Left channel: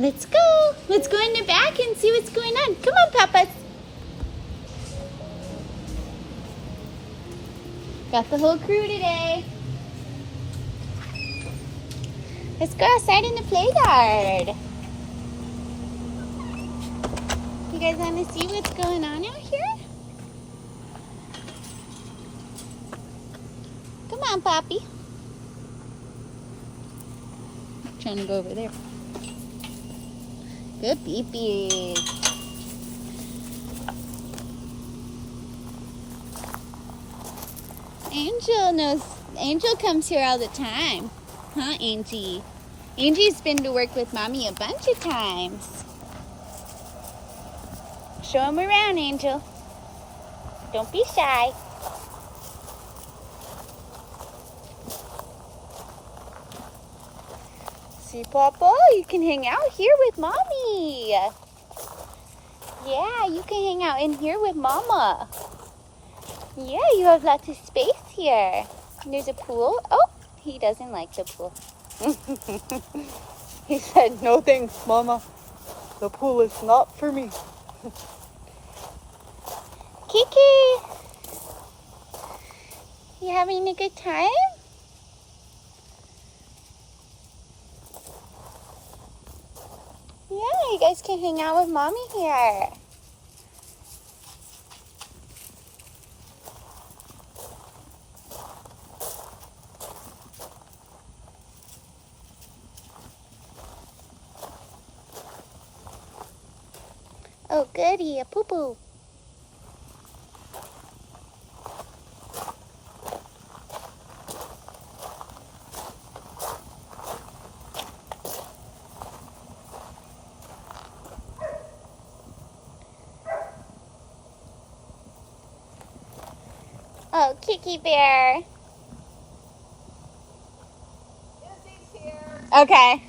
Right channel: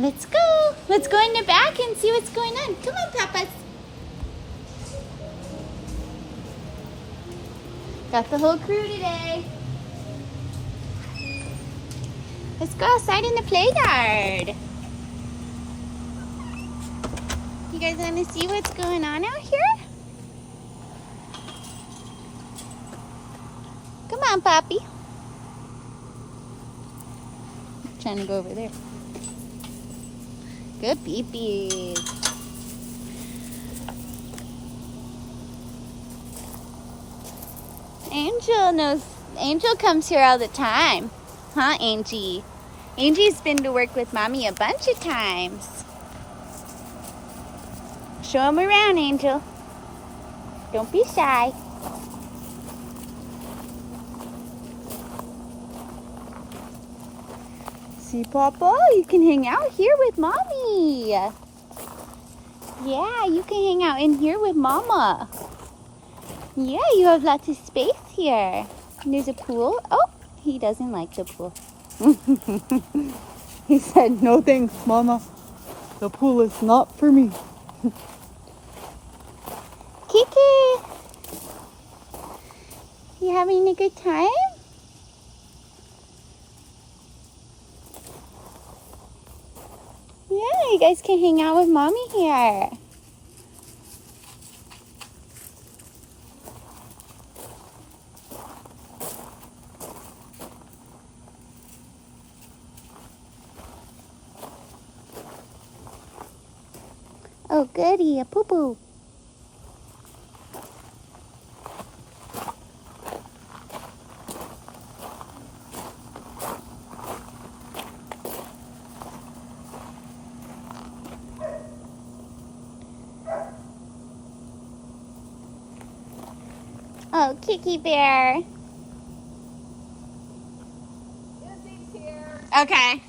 Let's go. Let's go in the back and see what's going on. Come on, Papas. Got the whole crew today. Let's go outside in the play yard. You guys want to see what's going on out here? Come on, Poppy. Trying to go over there. Good peepees. Angel knows. Angel comes here all the time. Huh, Angie? Angie's been to work with Mommy a bunch of times. Show him around, Angel. Don't be shy. See, Papa? You can hang out here with Mommy. Yeah, you can hang out in here with Mama. Yeah, you have lots of space here. And there's a pool. Oh, he doesn't like the pool. He said, no thanks, Mama. The pool is not for me. Kiki, you having a good time? Yeah, you guys can hang out with Mommy here. Oh, goody, a poo-poo. Oh, Kiki Bear. Okay.